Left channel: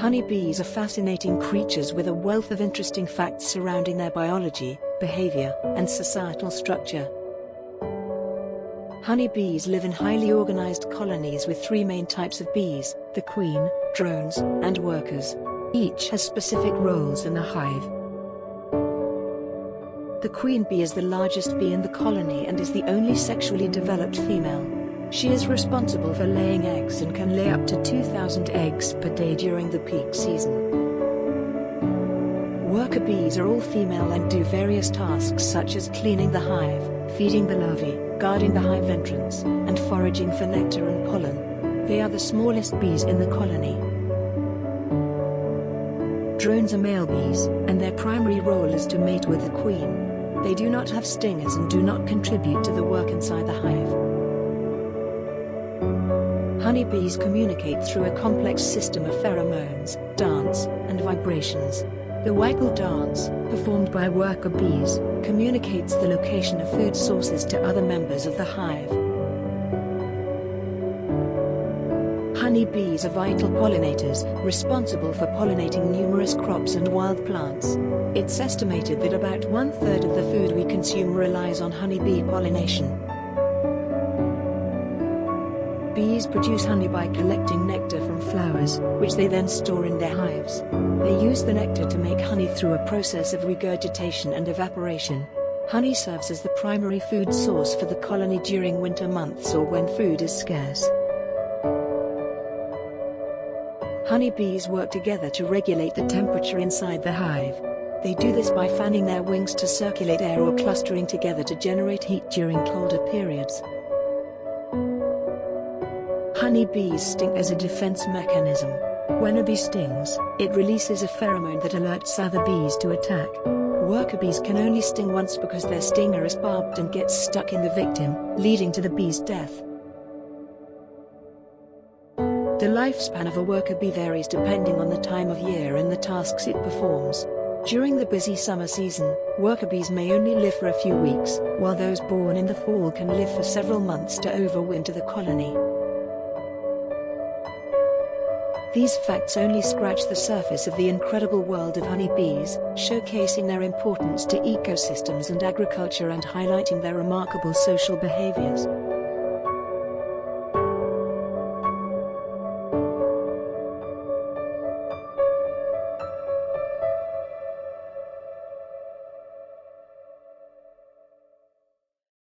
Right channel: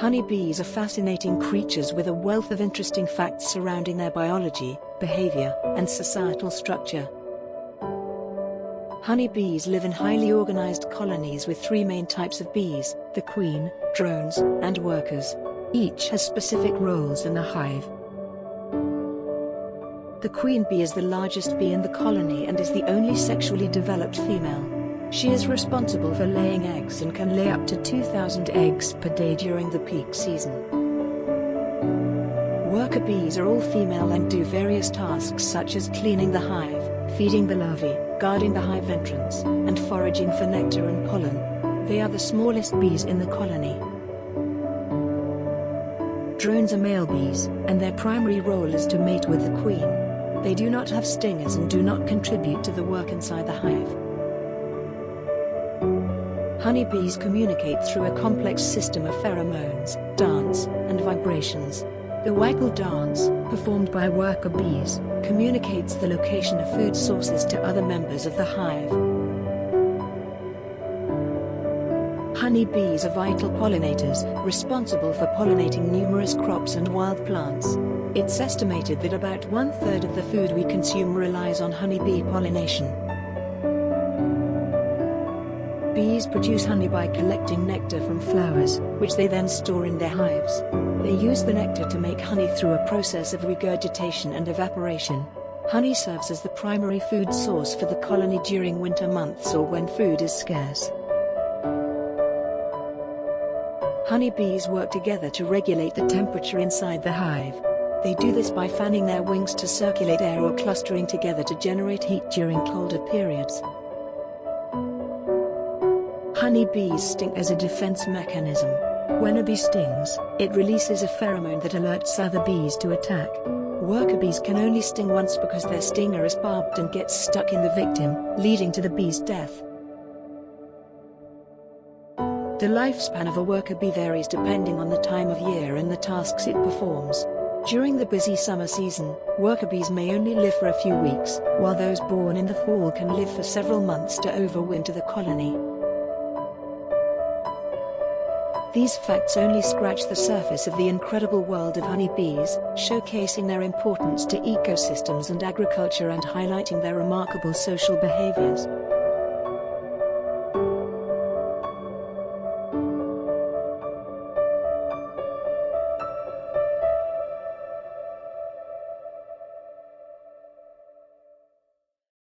Honeybees are fascinating creatures with a wealth of interesting facts surrounding their biology, behavior, and societal structure. Honeybees live in highly organized colonies with three main types of bees: the queen, drones, and workers. Each has specific roles in the hive. The queen bee is the largest bee in the colony and is the only sexually developed female. She is responsible for laying eggs and can lay up to 2,000 eggs per day during the peak season. Worker bees are all female and do various tasks such as cleaning the hive, feeding the larvae, guarding the hive entrance, and foraging for nectar and pollen. They are the smallest bees in the colony. Drones are male bees, and their primary role is to mate with the queen. They do not have stingers and do not contribute to the work inside the hive. Honeybees communicate through a complex system of pheromones, dance, and vibrations. The waggle dance, performed by worker bees, communicates the location of food sources to other members of the hive. Honeybees are vital pollinators, responsible for pollinating numerous crops and wild plants. It's estimated that about 1/3 of the food we consume relies on honeybee pollination. Bees produce honey by collecting nectar from flowers, which they then store in their hives. They use the nectar to make honey through a process of regurgitation and evaporation. Honey serves as the primary food source for the colony during winter months or when food is scarce. Honeybees work together to regulate the temperature inside the hive. They do this by fanning their wings to circulate air or clustering together to generate heat during colder periods. Honeybees sting as a defense mechanism. When a bee stings, it releases a pheromone that alerts other bees to attack. Worker bees can only sting once because their stinger is barbed and gets stuck in the victim, leading to the bee's death. The lifespan of a worker bee varies depending on the time of year and the tasks it performs. During the busy summer season, worker bees may only live for a few weeks, while those born in the fall can live for several months to overwinter the colony. These facts only scratch the surface of the incredible world of honeybees, showcasing their importance to ecosystems and agriculture and highlighting their remarkable social behaviors.